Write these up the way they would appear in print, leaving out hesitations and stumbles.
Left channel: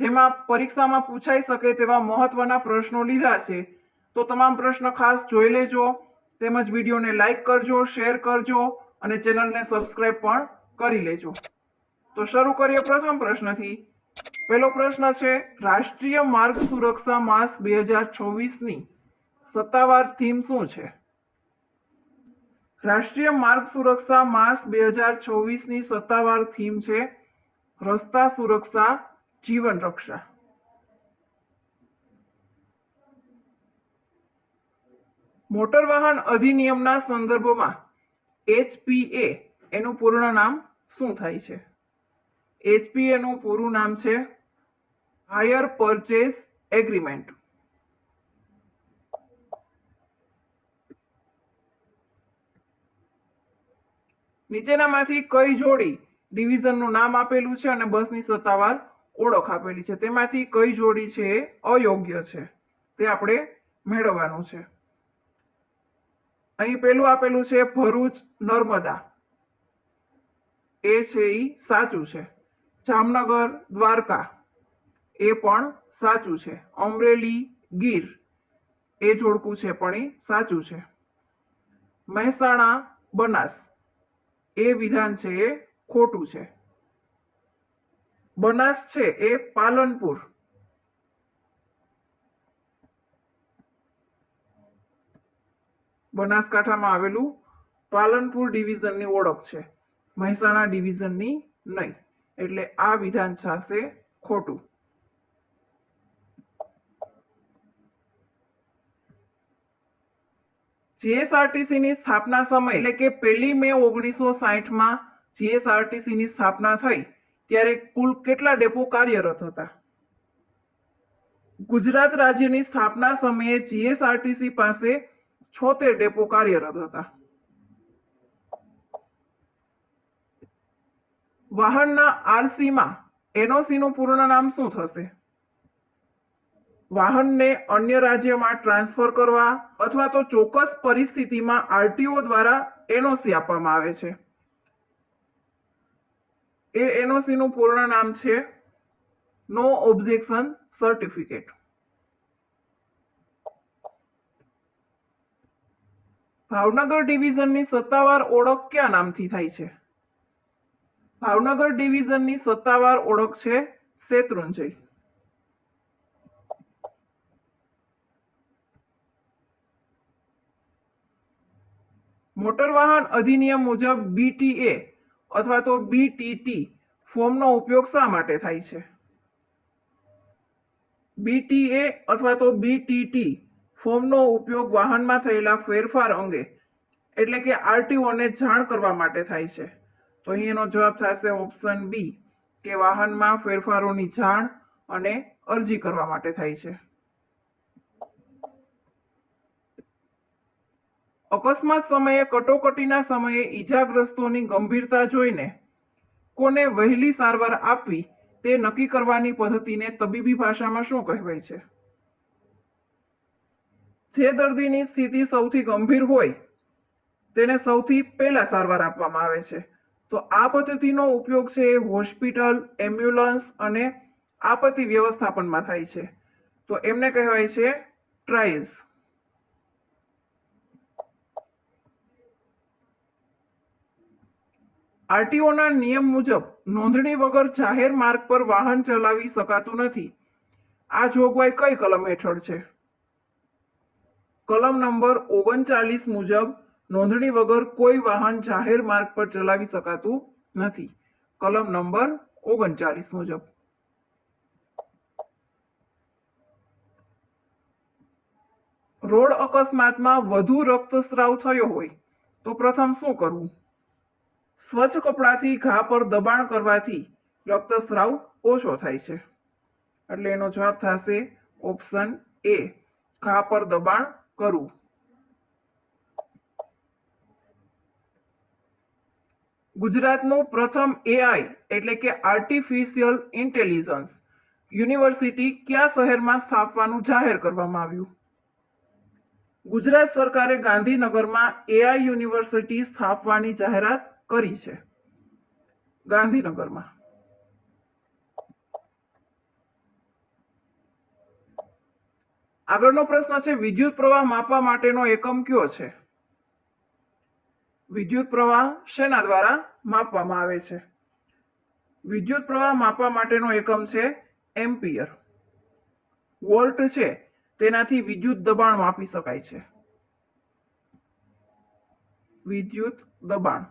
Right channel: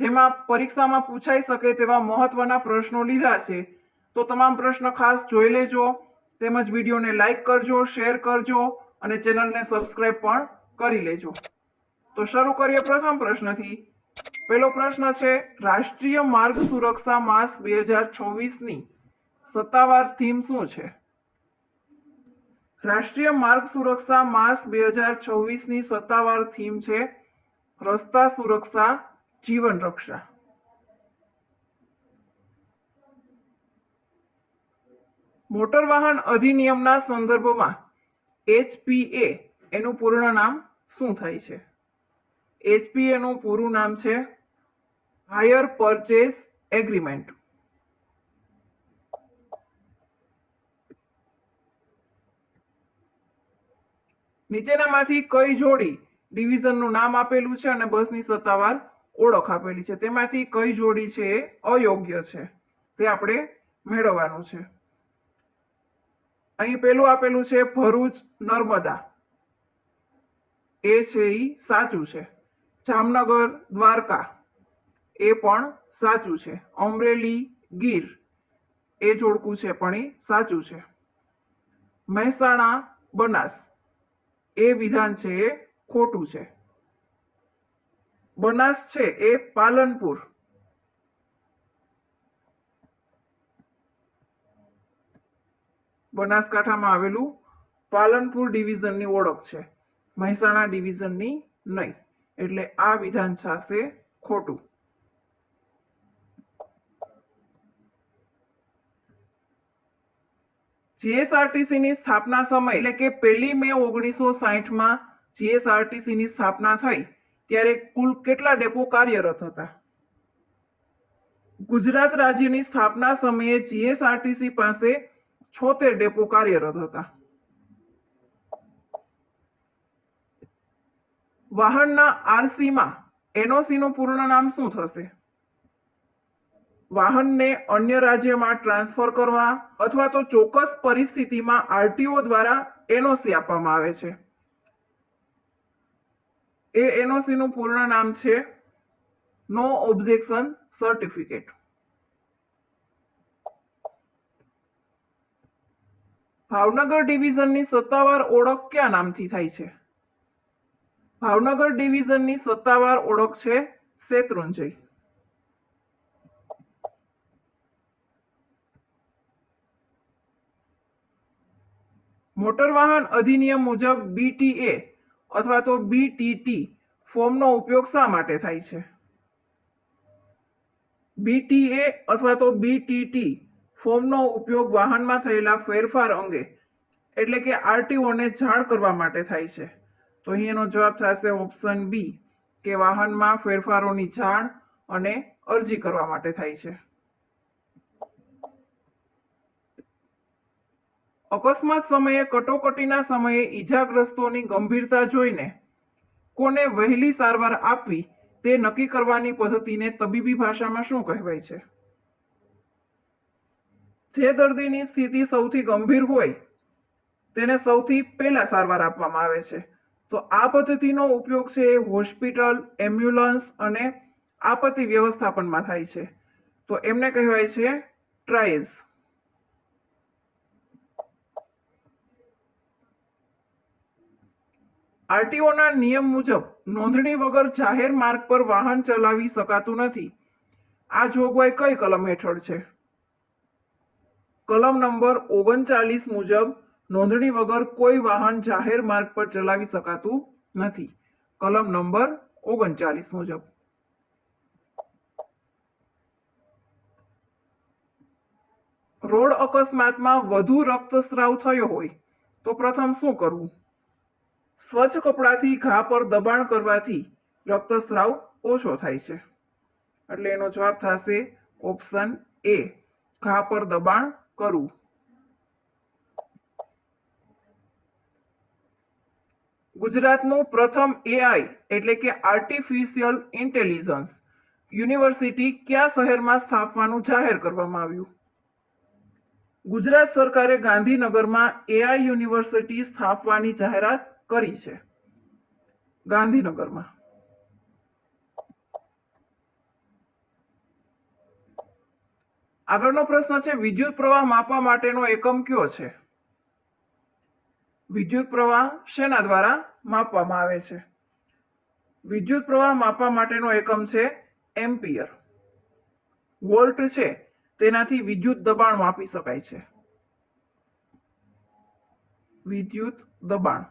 જેમાં પરીક્ષામાં પૂછાઈ શકે તેવા મહત્વના પ્રશ્નો લીધા છે. તો તમામ પ્રશ્ન ખાસ જોઈ લેજો, તેમજ વિડીયોને લાઈક કરજો, શેર કરજો અને ચેનલને સબસ્ક્રાઇબ પણ કરી લેજો. તો શરૂ કરીએ પ્રથમ પ્રશ્નથી. પહેલો પ્રશ્ન છે, રાષ્ટ્રીય માર્ગ સુરક્ષા માસ 2026ની સત્તાવાર થીમ શું છે? રાષ્ટ્રીય માર્ગ સુરક્ષા માસ 2026ની સત્તાવાર થીમ છે રસ્તા સુરક્ષા જીવન રક્ષા. મોટર વાહન અધિનિયમના સંદર્ભમાં HPA એનું પૂર્ણ નામ શું થાય છે? HPA નું પૂરું નામ છે હાયર પરચેઝ એગ્રીમેન્ટ. નીચેનામાંથી કઈ જોડી ડિવિઝનનું નામ આપેલું છે અને બસની સત્તાવાર ઓળખ આપેલી છે? તેમાંથી કઈ જોડી છે એ અયોગ્ય છે? તે આપણે મેળવવાનું છે. અહીં પેલું આપેલું છે ભરૂચ નર્મદા, એ છે એ સાચું છે. જામનગર દ્વારકા, એ પણ સાચું છે. અમરેલી ગીર, એ જોડકું છે પણ એ સાચું છે. મહેસાણા બનાસ, એ વિધાન છે એ ખોટું છે. બનાસ છે એ પાલનપુર, બનાસકાંઠામાં આવેલું પાલનપુર ડિવિઝનની ઓળખ છે, મહેસાણા ડિવિઝનની નહીં. એટલે આ વિધાન થશે ખોટું. જીએસઆરટીસીની સ્થાપના સમય એટલે કે 1 મે 1960માં જીએસઆરટીસીની સ્થાપના થઈ ત્યારે કુલ કેટલા ડેપો કાર્યરત હતા? ગુજરાત રાજ્યની સ્થાપના સમયે જીએસઆરટીસી પાસે 76 ડેપો કાર્યરત હતા. વાહનના આરસીમાં એનઓસીનું પૂર્ણ નામ શું થશે? વાહનને અન્ય રાજ્યમાં ટ્રાન્સફર કરવા અથવા તો ચોક્કસ પરિસ્થિતિમાં આરટીઓ દ્વારા એનઓસી આપવામાં આવે છે. એ એનઓસીનું પૂર્ણ નામ છે નો ઓબ્જેક્શન સર્ટિફિકેટ. ભાવનગર ડિવિઝનની સત્તાવાર ઓળખ કયા નામથી થાય છે? ભાવનગર ડિવિઝનની સત્તાવાર ઓળખ છે શેત્રુંજય. મોટર વાહન અધિનિયમ મુજબ બીટીએ અથવા તો બીટીટી ફોર્મનો ઉપયોગ શા માટે થાય છે? બીટીએ અથવા તો બીટીટી ફોર્મનો ઉપયોગ વાહનમાં થયેલા ફેરફાર અંગે એટલે કે આરટીઓને જાણ કરવા માટે થાય છે. તો અહીં એનો જવાબ થશે ઓપ્શન બી કે વાહનમાં ફેરફારોની જાણ અને અરજી કરવા માટે થાય છે. અકસ્માત સમયે કટોકટીના સમયે ઈજાગ્રસ્તોની ગંભીરતા જોઈને કોને વહેલી સારવાર આપવી તે નક્કી કરવાની પદ્ધતિને તબીબી ભાષામાં શું કહેવાય છે? જે દર્દીની સ્થિતિ સૌથી ગંભીર હોય તેને સૌથી પહેલા સારવાર આપવામાં આવે છે. તો આ પદ્ધતિનો ઉપયોગ છે એ હોસ્પિટલ, એમ્બ્યુલન્સ અને આપત્તિ વ્યવસ્થાપનમાં થાય છે. તો એમને કહેવાય છે ટ્રાયલ્સ. આરટીઓના નિયમ મુજબ નોંધણી વગર જાહેર માર્ગ પર વાહન ચલાવી શકાતું નથી. આ જોગવાઈ કઈ કલમ હેઠળ છે? કલમ નંબર 39 મુજબ નોંધણી વગર કોઈ વાહન જાહેર માર્ગ પર ચલાવી શકાતું નથી. કલમ નંબર 39 મુજબ. રોડ અકસ્માતમાં વધુ રક્તસ્રાવ થયો હોય તો પ્રથમ શું કરવું? સ્વચ્છ કપડાથી ઘા પર દબાણ કરવાથી રક્તસ્રાવ ઓછો થાય છે. એટલે એનો જવાબ થશે ઓપ્શન એ, ઘા પર દબાણ કરવું. ગુજરાતનું પ્રથમ એઆઈ એટલે કે આર્ટિફિશિયલ ઇન્ટેલિજન્સ યુનિવર્સિટી કયા શહેરમાં સ્થાપવાનું જાહેર કરવામાં આવ્યું? ગુજરાત સરકારે ગાંધીનગરમાં એઆઈ યુનિવર્સિટી સ્થાપવાની જાહેરાત કરી છે. ગાંધીનગરમાં. આગળનો પ્રશ્ન છે વિદ્યુત પ્રવાહ માપવા માટેનો એકમ કયો છે? વિદ્યુત પ્રવાહ શેના દ્વારા માપવામાં આવે છે? વિદ્યુત પ્રવાહ માપવા માટેનો એકમ છે એમ્પિયર. વોલ્ટ છે તેનાથી વિદ્યુત દબાણ માપી શકાય છે. વિદ્યુત દબાણ.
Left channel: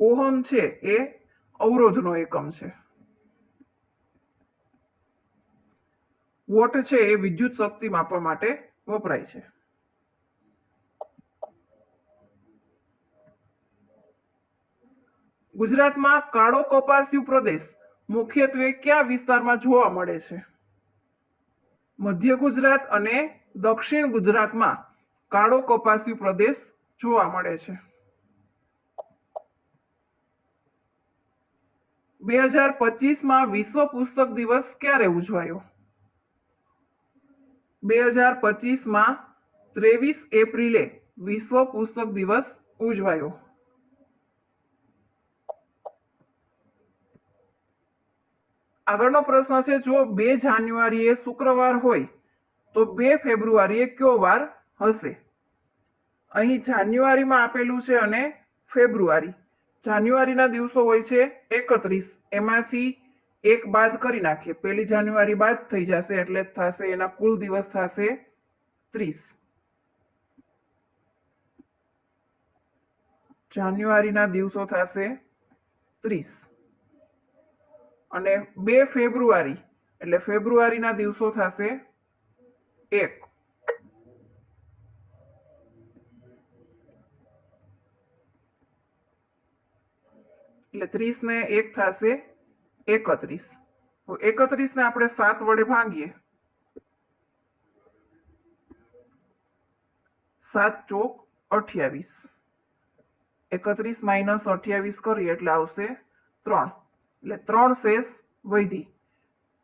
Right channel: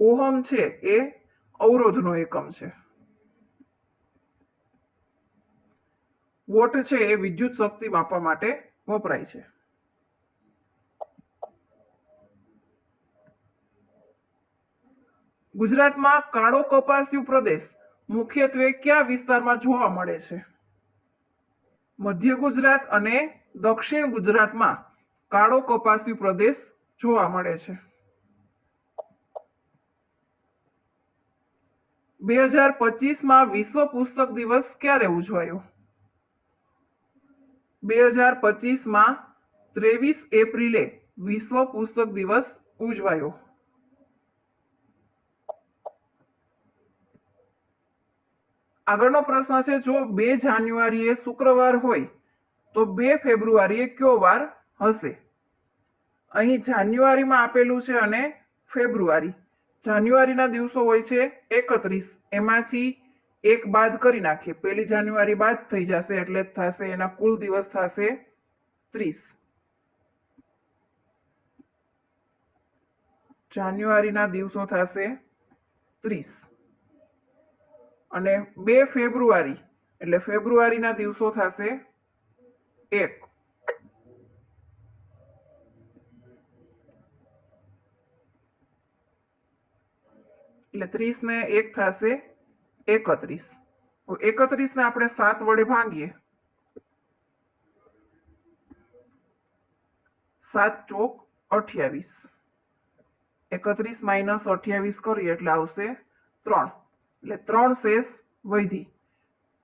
ઓહમ છે એ અવરોધનો એકમ છે. વોટ છે એ વિદ્યુત શક્તિ માપવા માટે વપરાય છે. ગુજરાતમાં કાળો કપાસિયું પ્રદેશ મુખ્યત્વે કયા વિસ્તારમાં જોવા મળે છે? મધ્ય ગુજરાત અને દક્ષિણ ગુજરાતમાં કાળો કપાસિયું પ્રદેશ જોવા મળે છે. 2025માં વિશ્વ પુસ્તક દિવસ ક્યારે ઉજવાયો? 2025માં 23 એપ્રિલે વિશ્વ પુસ્તક દિવસ ઉજવાયો. આગળનો પ્રશ્ન છે જો 2 જાન્યુઆરીએ શુક્રવાર હોય તો 2 ફેબ્રુઆરીએ કયો વાર હશે? અહીં જાન્યુઆરીમાં આપેલું છે અને ફેબ્રુઆરી. જાન્યુઆરીના દિવસો હોય છે 31, એમાંથી એક બાદ કરી નાખીએ, 1 જાન્યુઆરી બાદ થઈ જશે એટલે થશે એના કુલ દિવસ થશે 30. જાન્યુઆરીના દિવસો થશે 30 અને 2 ફેબ્રુઆરી એટલે ફેબ્રુઆરીના દિવસો થશે 1. એટલે 30 ને 1 થશે 31. 31 ને આપણે 7 વડે ભાંગીએ, 7 ચોક 28. 31 માઇનસ 28 કરીએ એટલે આવશે 3. એટલે 3 શેષ વધી.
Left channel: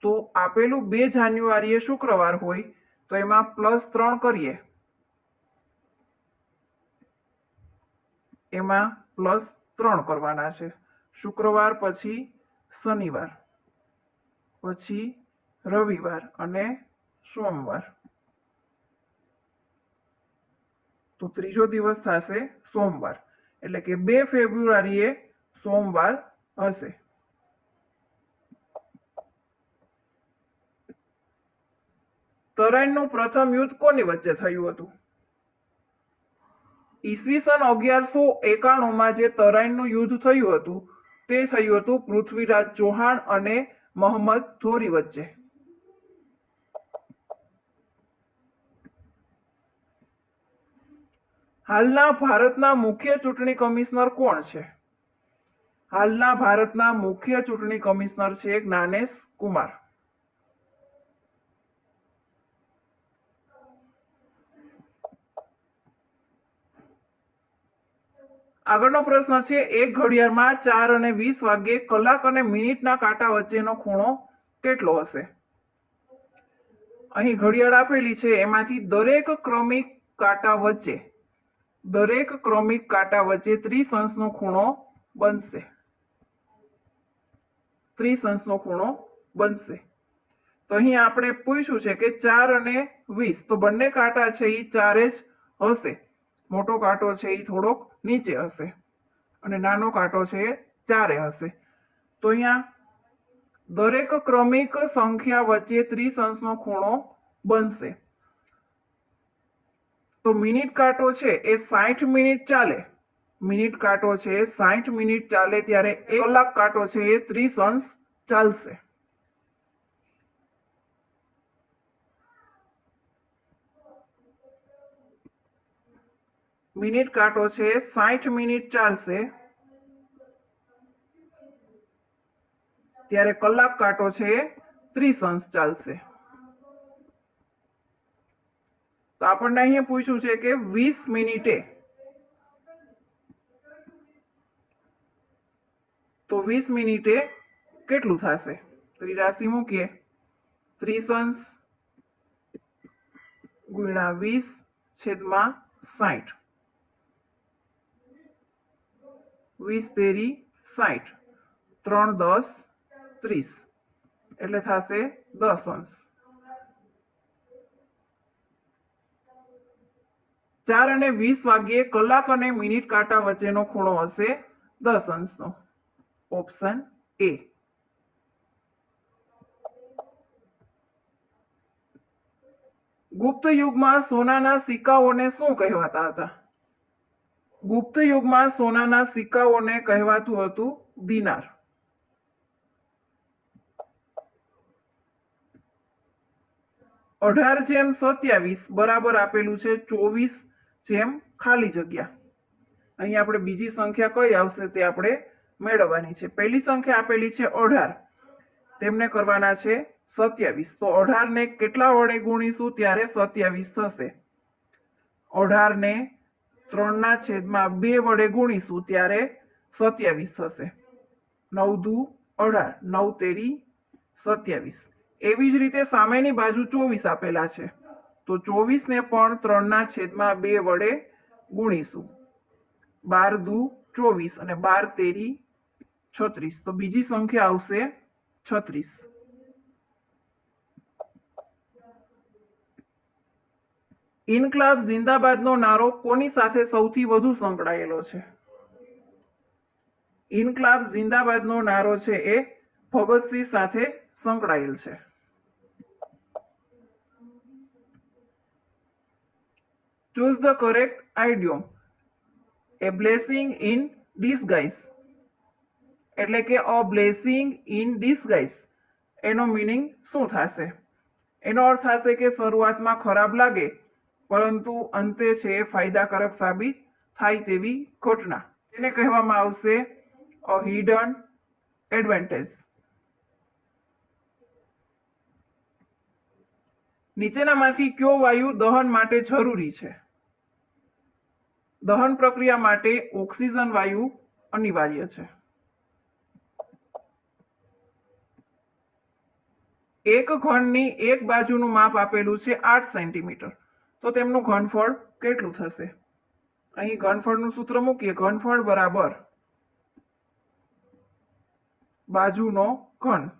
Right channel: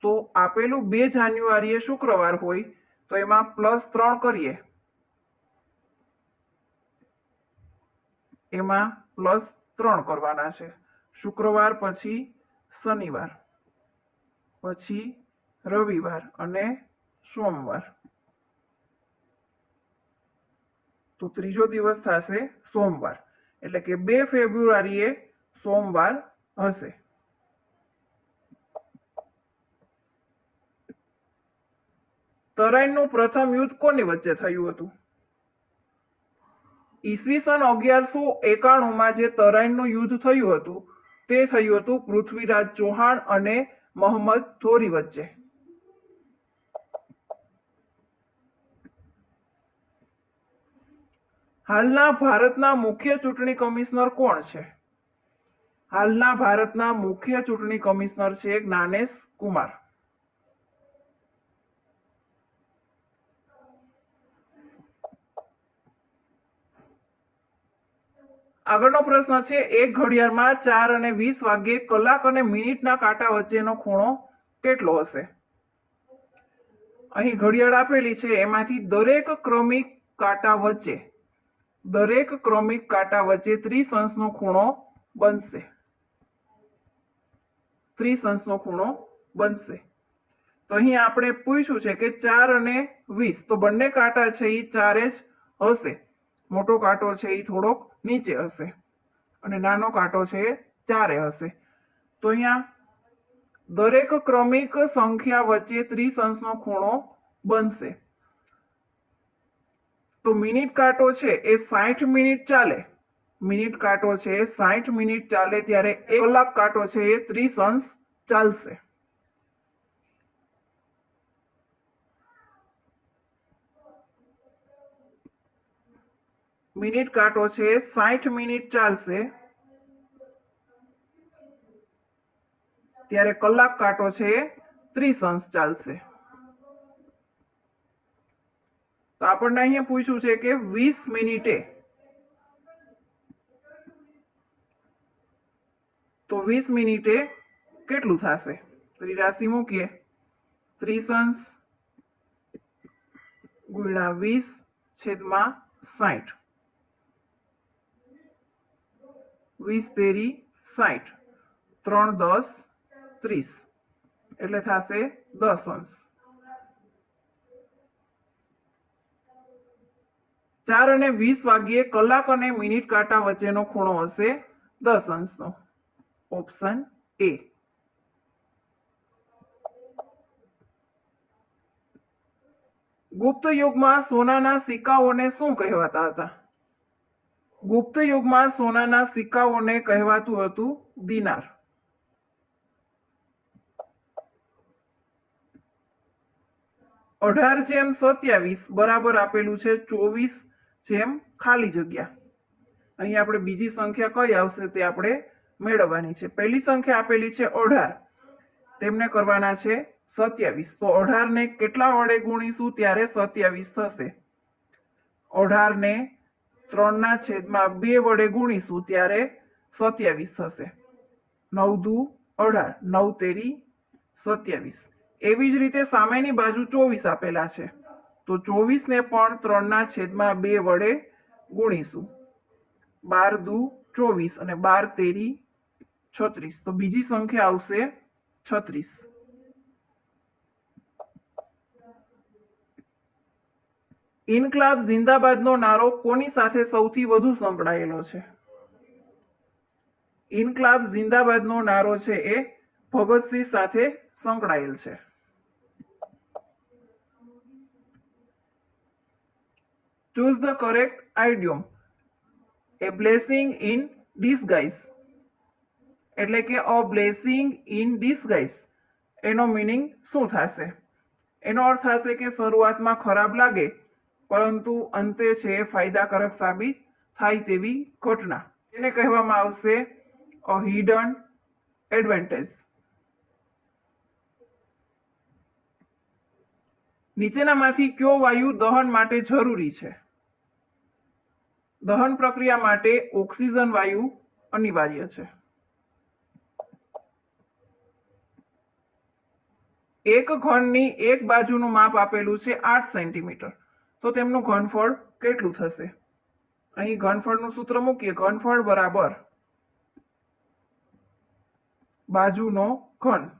તો આપેલું 2 જાન્યુઆરીએ શુક્રવાર હોય તો એમાં +3 કરીએ, એમાં +3 કરવાના છે. શુક્રવાર પછી શનિવાર, પછી રવિવાર અને સોમવાર. તો ત્રીજો દિવસ થશે સોમવાર. એટલે કે 2 ફેબ્રુઆરીએ સોમવાર હશે. તરાઈનું પ્રથમ યુદ્ધ કોની વચ્ચે થયું હતું? ઈસવીસન 1191માં જે તરાઈનું યુદ્ધ થયું હતું તે થયું હતું પૃથ્વીરાજ ચૌહાણ અને મોહમ્મદ ઘોરી વચ્ચે. હાલના ભારતના મુખ્ય ચૂંટણી કમિશનર કોણ છે? હાલના ભારતના મુખ્ય ચૂંટણી કમિશનર છે જ્ઞાનેશ કુમાર. આગળનો પ્રશ્ન છે એક ઘડિયાળમાં 4 અને 20 વાગ્યે કલાક અને મિનિટના કાંટા વચ્ચેનો ખૂણો કેટલો હશે? અહીં ઘડિયાળ આપેલી છે એમાંથી દરેક ક્રમિક કાંટા વચ્ચે 30 અંશનો ખૂણો બનશે. 30 અંશનો ખૂણો બનશે. તો અહીં આપણે પૂછ્યું છે કે 4 અને 20, તો બંને કાંટા છે એ 4 જ હશે. મોટો કાંટો છે એ થોડોક નીચે હશે અને નાનો કાંટો છે એ 4 હશે. તો અહીંયા દરેક ક્રમિક સંખ્યા વચ્ચે 30 અંશનો ખૂણો બનશે. તો મિનિટ કાંટો છે એ 60 મિનિટ ચાલે. મિનિટ કાંટો છે 60 મિનિટ ચાલે ત્યારે કલાક કાંટો છે એ 30 અંશ ચાલશે. મિનિટ કાંટો છે 60 મિનિટ ચાલશે ત્યારે કલાક કાંટો છે 30 અંશ ચાલશે. તો આપણને અહીંયા પૂછ્યું છે કે 20 મિનિટે, તો 20 મિનિટે કેટલું થશે? ત્રિરાશી મૂકીએ, 30 અંશ ગુણ્યા 20/60. 20 તેરી 60, 3 10 30 એટલે થશે 10 અંશ. 4 અને 20 વાગ્યે કલાક અને મિનિટ કાંટા વચ્ચેનો ખૂણો હશે 10 અંશનો. Option A. ગુપ્ત યુગમાં સોનાના સિક્કાઓને શું કહેવાતા હતા? ગુપ્ત યુગમાં સોનાના સિક્કાઓને કહેવાતું હતું દિનાર. અઢાર જેમ 27 બરાબર આપેલું છે 24 જેમ ખાલી જગ્યા. અહીં આપણે બીજી સંખ્યા કઈ આવશે તે આપણે મેળવવાની છે. પહેલી સંખ્યા આપેલી છે 18, તેમને કરવાના છે 27. તો 18 ને કેટલા વડે ગુણીશું ત્યારે 27 થશે? 18 ને 3/2 વડે ગુણીશું ત્યારે 27 થશે. 9 દુ 18, 9 તેરી 27. એવી જ રીતે સામેની બાજુ 24 આપેલા છે, તો 24 ને પણ 3/2 વડે ગુણીશું. 12 દુ 24 અને 12 તેરી 36. તો બીજી સંખ્યા આવશે 36. ઇન્કલાબ જિંદાબાદનો નારો કોની સાથે સૌથી વધુ સંકળાયેલો છે? ઇન્કલાબ જિંદાબાદનો નારો છે એ ભગતસિંહ સાથે સંકળાયેલ છે. Choose the correct idiom. A blessing in disguise. એટલે કે a blessing in disguise એનો મીનિંગ શું થશે? એનો અર્થ થશે કે શરૂઆતમાં ખરાબ લાગે પરંતુ અંતે છે એ ફાયદાકારક સાબિત થાય તેવી ઘટના. એને કહેવામાં આવશે a hidden advantage. નીચેનામાંથી કયો વાયુ દહન માટે જરૂરી છે? દહન પ્રક્રિયા માટે ઓક્સિજન વાયુ અનિવાર્ય છે. એક ઘનની એક બાજુનું માપ આપેલું છે 8 સેન્ટીમીટર, તો તેમનું ઘનફળ કેટલું થશે? અહીં ઘનફળનું સૂત્ર મૂકીએ. ઘનફળ બરાબર બાજુનો ઘન.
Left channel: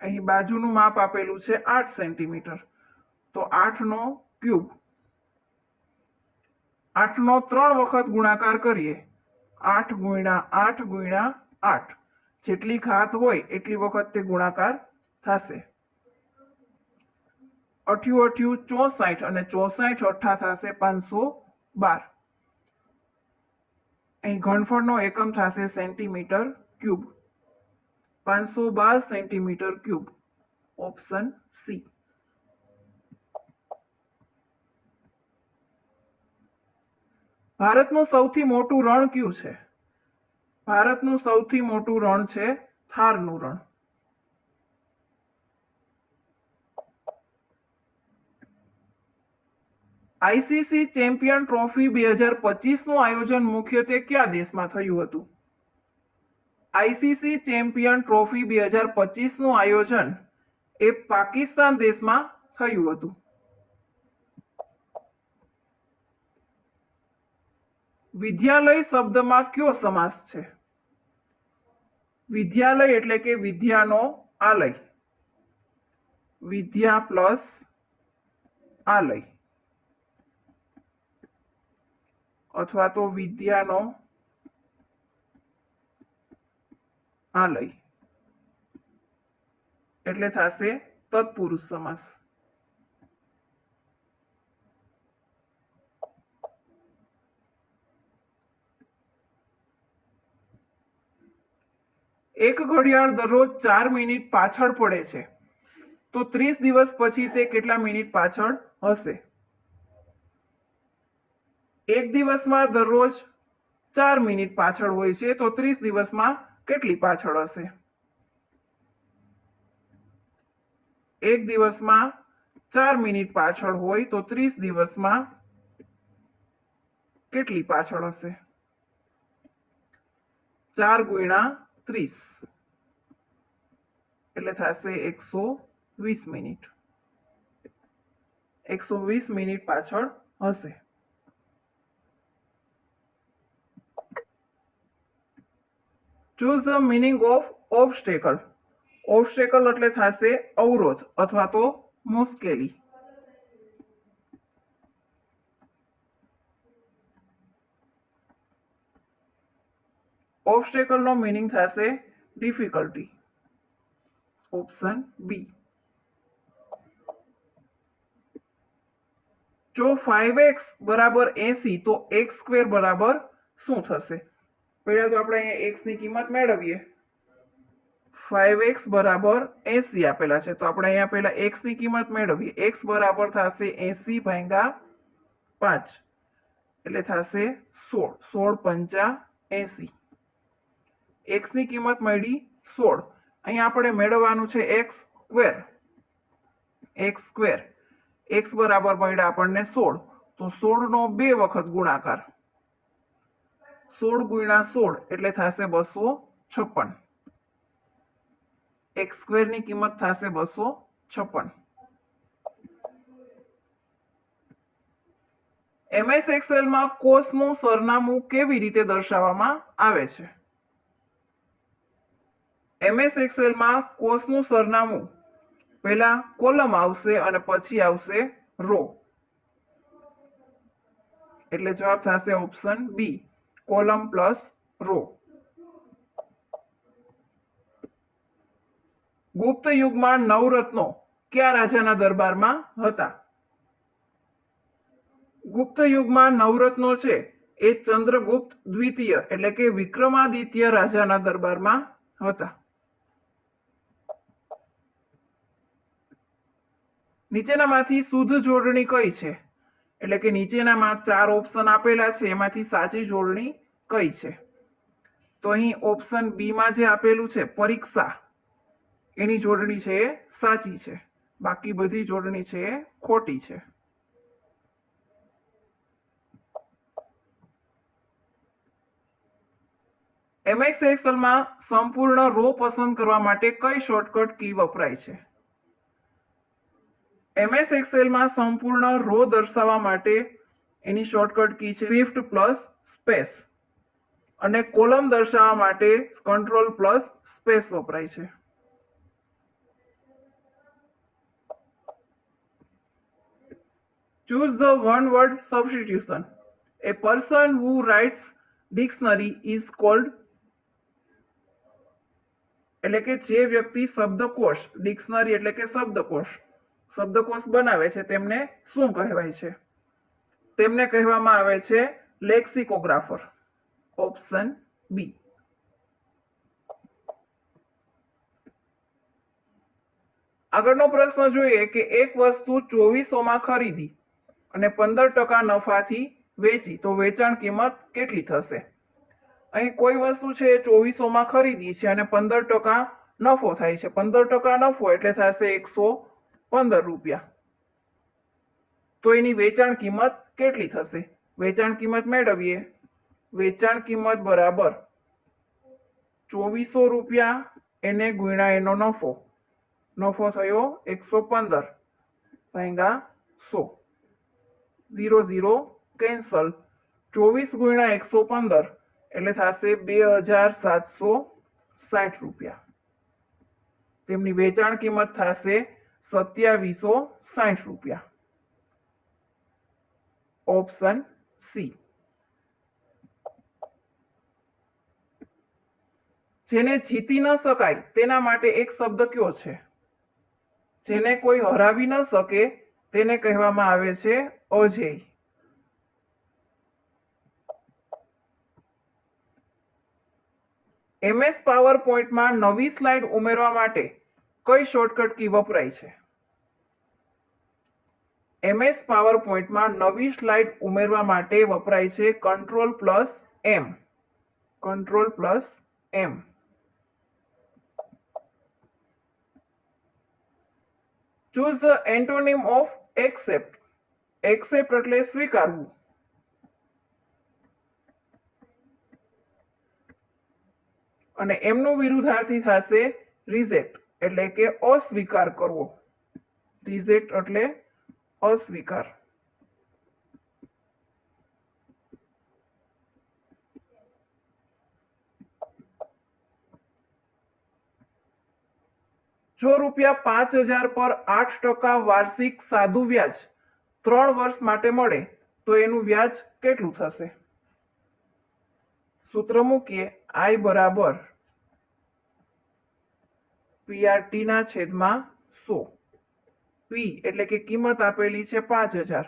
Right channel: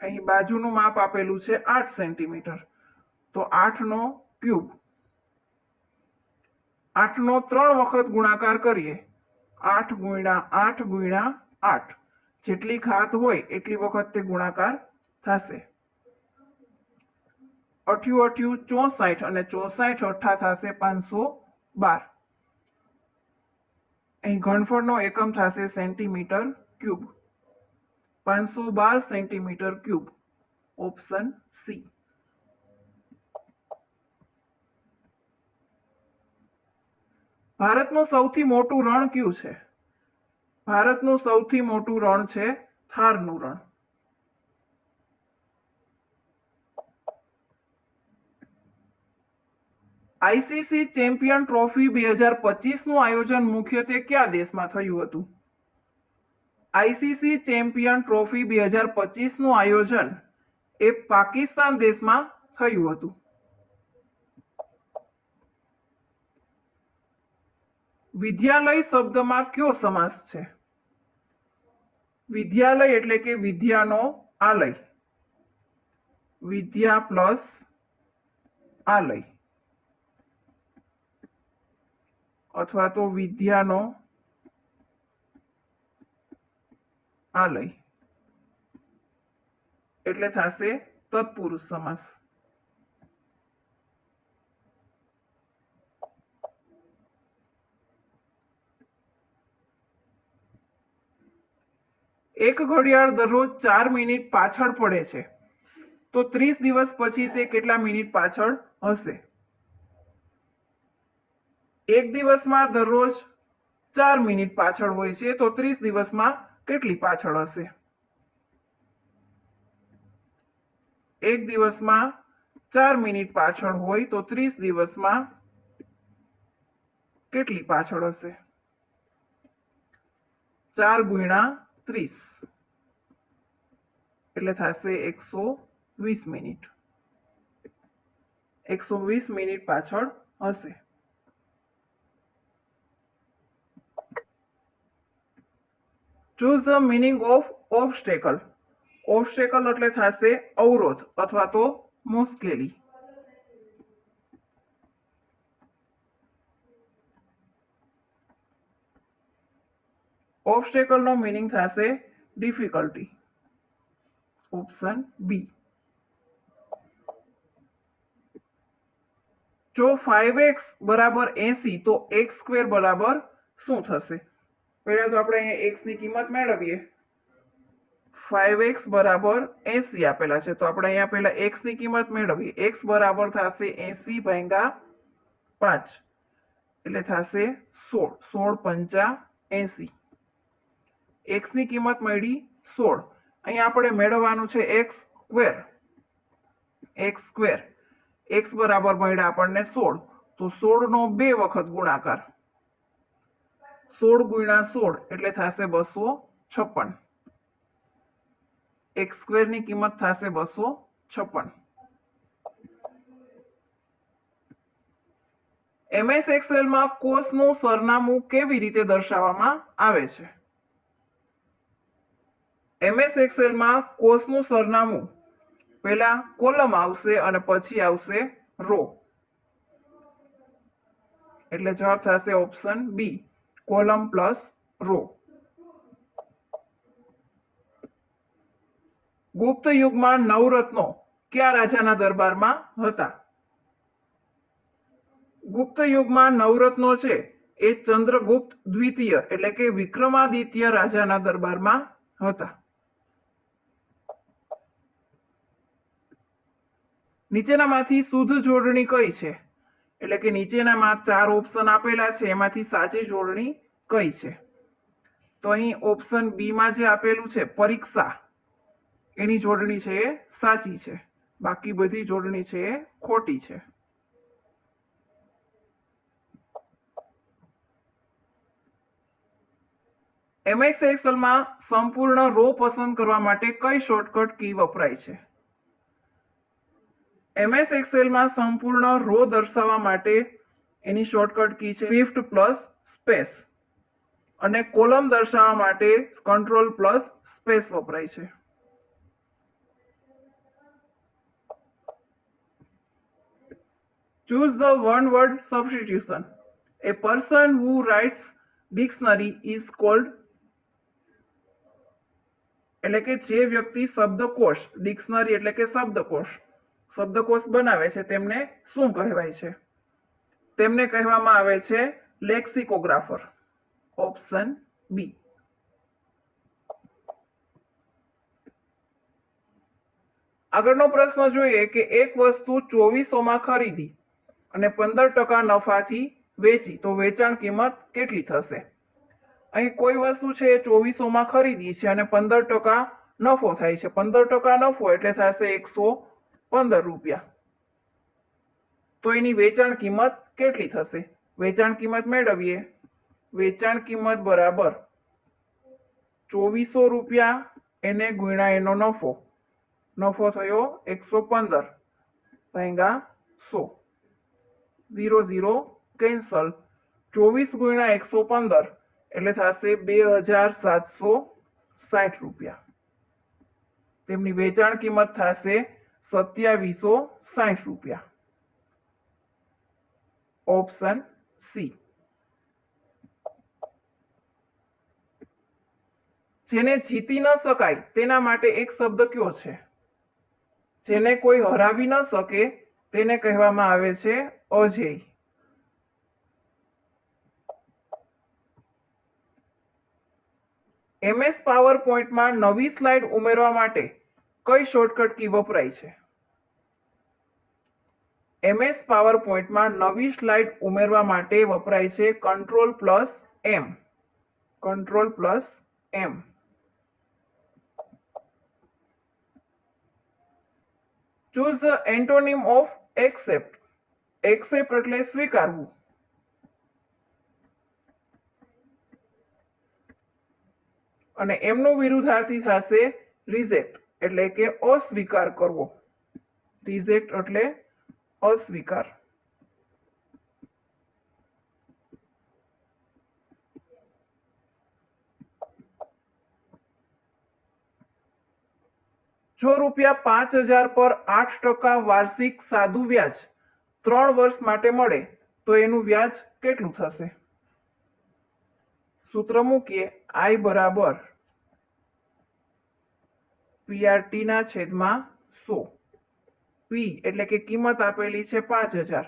અહીં બાજુનું માપ આપેલું છે 8 સેન્ટીમીટર, તો 8 નો ક્યુબ. 8 નો 3 વખત ગુણાકાર કરીએ. 8 ગુણ્યા 8 ગુણ્યા 8, જેટલી ઘાત હોય એટલી વખત તે ગુણાકાર થશે. 8 8 64 અને 64 અઠ્ઠા થશે 512. અહીં ઘનફળનો એકમ થશે centimetre cube. 512 centimetre cube. Option C. ભારતનું સૌથી મોટું રણ કયું છે? ભારતનું સૌથી મોટું રણ છે થારનું રણ. આઈસીસી ચેમ્પિયન ટ્રોફી 2025 નું આયોજન મુખ્યત્વે કયા દેશમાં થયું હતું? આઈસીસી ચેમ્પિયન ટ્રોફી 2025 નું આયોજન એ પાકિસ્તાન દેશમાં થયું હતું. વિદ્યાલય શબ્દમાં કયો સમાસ છે? વિદ્યાલય એટલે કે વિદ્યાનો આલય. વિદ્યા પ્લસ આલય, અથવા તો વિદ્યાનો આલય એટલે થશે તત્પુરુષ સમાસ. એક ઘડિયાળ દરરોજ 4 મિનિટ પાછળ પડે છે, તો 30 દિવસ પછી તે કેટલા મિનિટ પાછળ હશે? એક દિવસમાં દરરોજ 4 મિનિટ પાછળ હોય છે, તો 30 દિવસમાં કેટલી પાછળ હશે? એક દિવસમાં 4 મિનિટ પાછળ હોય તો 30 દિવસમાં કેટલી પાછળ હશે? 4 ગુણ્યા 30 એટલે થશે 120 મિનિટ. 120 મિનિટ પાછળ હશે. Choose the meaning of obstacle. Obstacle એટલે થશે અવરોધ અથવા તો મુશ્કેલી. ઓબ્સ્ટેકલનો મીનિંગ થશે ડિફિકલ્ટી. Option B. જો 5x બરાબર 80 તો x સ્ક્વેર બરાબર શું થશે? પહેલા તો આપણે અહીંયા x ની કિંમત મેળવીએ. 5x બરાબર 80 આપેલા છે તો આપણે અહીંયા પહેલા x ની કિંમત મેળવીએ. x બરાબર થશે 80 ભાગ્યા 5 એટલે થશે 16. 16 પંચા 80. x ની કિંમત મળી 16. અહીંયા આપણે મેળવવાનું છે x square. x square x બરાબર મળ્યા આપણને 16 તો 16 નો 2 વખત ગુણાકાર. 16 ગુણ્યા 16 એટલે થશે 256. x સ્ક્વેર ની કિંમત થશે 256. MS એક્સેલ માં કોષનું સરનામું કેવી રીતે દર્શાવવામાં આવે છે? MS એક્સેલ માં કોષનું સરનામું પહેલા કોલમ આવશે અને પછી આવશે રો. એટલે જવાબ થશે option B, column plus row. ગુપ્ત યુગમાં નવરત્નો કયા રાજાના દરબારમાં હતા? ગુપ્ત યુગમાં નવરત્નો છે એ ચંદ્રગુપ્ત દ્વિતીય એટલે કે વિક્રમાદિત્ય રાજાના દરબારમાં હતા. નીચેનામાંથી શુદ્ધ જોડણી કઈ છે? એટલે કે નીચેનામાં 4 ઓપ્શન આપેલા છે એમાંથી સાચી જોડણી કઈ છે? તો અહીં ઓપ્શન બી માં જે આપેલું છે પરીક્ષા એની જોડણી છે એ સાચી છે. બાકી બધી જોડણી છે એ ખોટી છે. MS એક્સેલમાં સંપૂર્ણ રો પસંદ કરવા માટે કઈ શોર્ટકટ કી વપરાય છે? MS એક્સેલમાં સંપૂર્ણ રો દર્શાવવા માટે એની શોર્ટકટ કી છે શિફ્ટ પ્લસ સ્પેસ અને કોલમ દર્શાવવા માટે કંટ્રોલ પ્લસ સ્પેસ વપરાય છે. Choose the one word substitution. A person who writes dictionary is called. એટલે કે જે વ્યક્તિ શબ્દકોશ, ડિક્શનરી એટલે કે શબ્દકોશ બનાવે છે તેમને શું કહેવાય છે? તેમને કહેવામાં આવે છે લેક્સિકોગ્રાફર. Option B. આગળનો પ્રશ્ન જોઈએ કે એક વસ્તુ 2400 માં ખરીદી અને 15% નફાથી વેચી તો વેચાણ કિંમત કેટલી થશે? અહીં કોઈ વસ્તુ છે એ 2400 માં ખરીદી છે અને 15% નફો થાય છે. 15% નફો એટલે થશે 115 રૂપિયા. તો એની વેચાણ કિંમત કેટલી થશે? વેચાણ કિંમત મેળવીએ. વેચાણ કિંમત બરાબર 2400 રૂપિયા એને ગુણ્યા એનો નફો. નફો થયો 115 ભાગ્યા 100. 0 0 કેન્સલ. 24 ગુણ્યા 115 એટલે થશે 2760 રૂપિયા. તેમની વેચાણ કિંમત થશે 2760 રૂપિયા. Option C. જેને જીતી ન શકાય તેના માટે એક શબ્દ કયો છે? જેને કોઈ હરાવી ન શકે તેને કહેવામાં આવે છે અજેય. MS પાવરપોઈન્ટમાં નવી સ્લાઇડ ઉમેરવા માટે કઈ શોર્ટકટ કી વપરાય છે? MS પાવરપોઈન્ટમાં નવી સ્લાઇડ ઉમેરવા માટે વપરાય છે control plus M. Control plus M. Choose the antonym of accept. Accept એટલે સ્વીકારવું. અને એમનો વિરુદ્ધાર્થી થશે રિજેક્ટ એટલે કે અસ્વીકાર કરવો. રિજેક્ટ એટલે અસ્વીકાર. જો રૂપિયા 5000 પર 8% વાર્ષિક સાદું વ્યાજ 3 વર્ષ માટે મળે તો એનું વ્યાજ કેટલું થશે? સૂત્ર મૂકીએ. આઈ બરાબર PRT ના છેદમાં 100. પી એટલે કે કિંમત આપેલી છે 5000,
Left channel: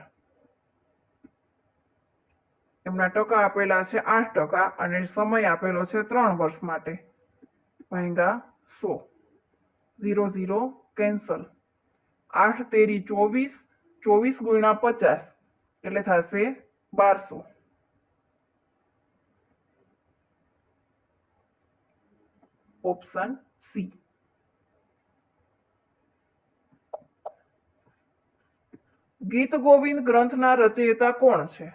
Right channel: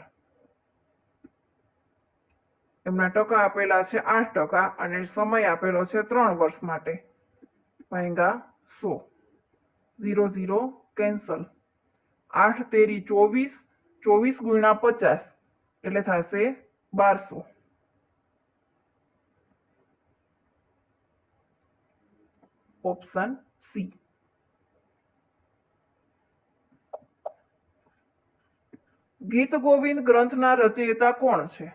એમના ટકા આપેલા છે 8% અને સમય આપેલો છે 3 વર્ષ માટે. ભાગ્યા 100. 0 0 કેન્સલ. 8 તેરી 24, 24 ગુણ્યા 50 એટલે થશે 1200. Option C. ગીત ગોવિંદ ગ્રંથના રચયિતા કોણ છે?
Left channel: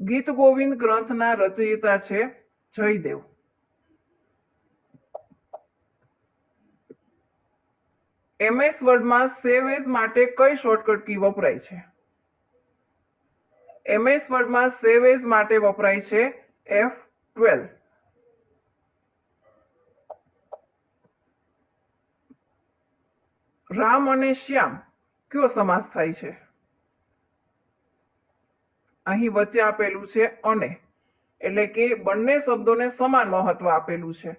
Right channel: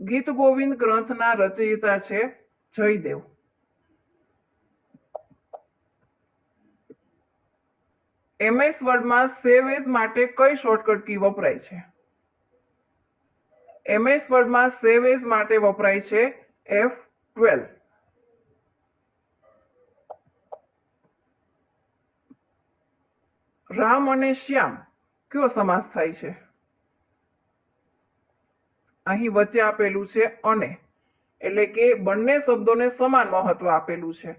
ગીત ગોવિંદ ગ્રંથના રચયિતા છે જયદેવ. MS વર્ડમાં સેવ એઝ માટે કઈ શોર્ટકટ કી વપરાય છે? MS વર્ડમાં સેવ એઝ માટે વપરાય છે F12. રામ અને શ્યામ કયો સમાસ થાય છે? અહીં વચ્ચે આપેલું છે અને, એટલે કે બંને શબ્દોને સમાન મહત્વ આપેલું છે,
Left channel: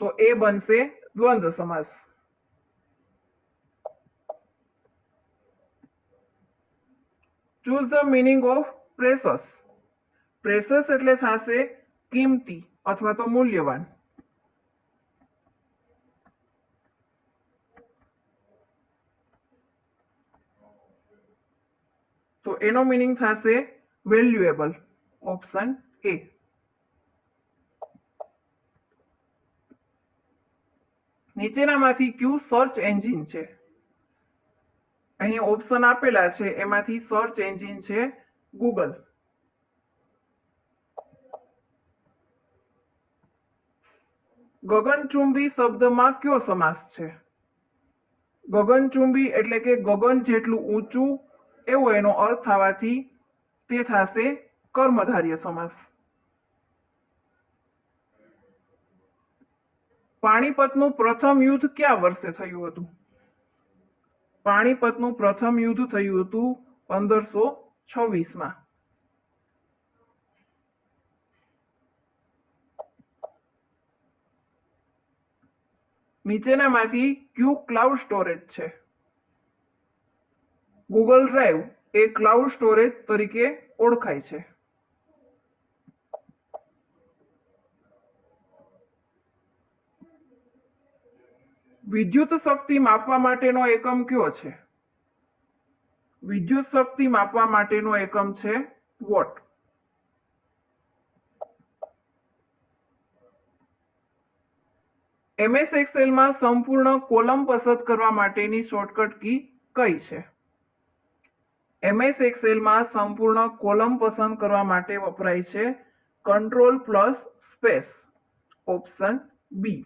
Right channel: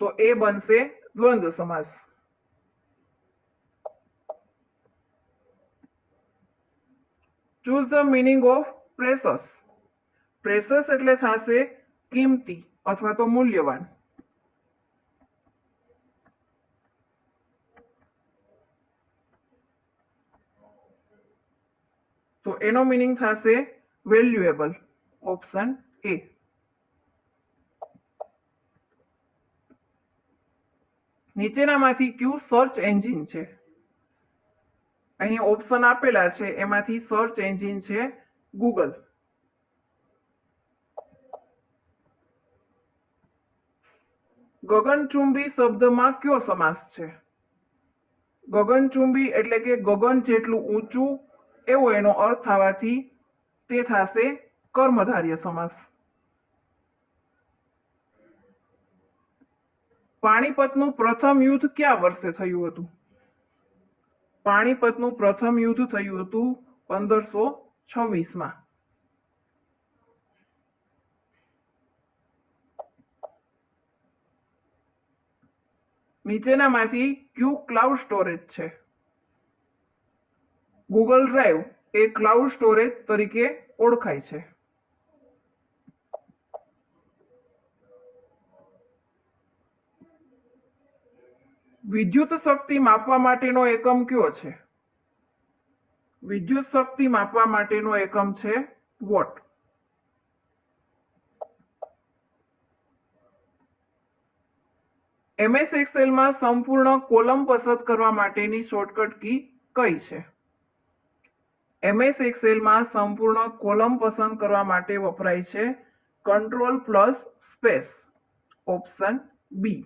તો એ બનશે દ્વંદ્વ સમાસ. Choose the meaning of precious. Precious એટલે થશે કિંમતી અથવા તો મૂલ્યવાન. તો એનો મિનિંગ થશે વેલ્યુએબલ. Option A. નીચેનામાંથી કયું સર્ચ એન્જિન છે? અહીં ઓપ્શન આપેલા છે, એમાંથી સર્ચ એન્જિન છે ગૂગલ. ગગનચુંબી શબ્દમાં કયો સમાસ છે? ગગનચુંબી એટલે કે ગગન જેટલું ઊંચું એવો એનો અર્થ થવાથી તે થશે કર્મધારય સમાસ. પાણીપતનું પ્રથમ યુદ્ધ કયા વર્ષે થયું હતું? પાણીપતનું પ્રથમ યુદ્ધ થયું હતું 1526માં. નીચેનામાંથી કયું ક્લાઉડ સ્ટોરેજ છે? ગૂગલ ડ્રાઈવ એ ક્લાઉડ સ્ટોરેજ તરીકે ઓળખાય છે. વિદ્યુત શક્તિ માપવા માટેનો એકમ કયો છે? વિદ્યુત શક્તિ માપવા માટેનો એકમ છે વોટ. MS એક્સેલમાં સંપૂર્ણ કોલમ પસંદ કરવા માટેની શોર્ટકટ કી કઈ છે? MS એક્સેલમાં સંપૂર્ણ કોલમ પસંદ કરવા માટે વપરાય છે કંટ્રોલ પ્લસ સ્પેસ. ઓપ્શન બી.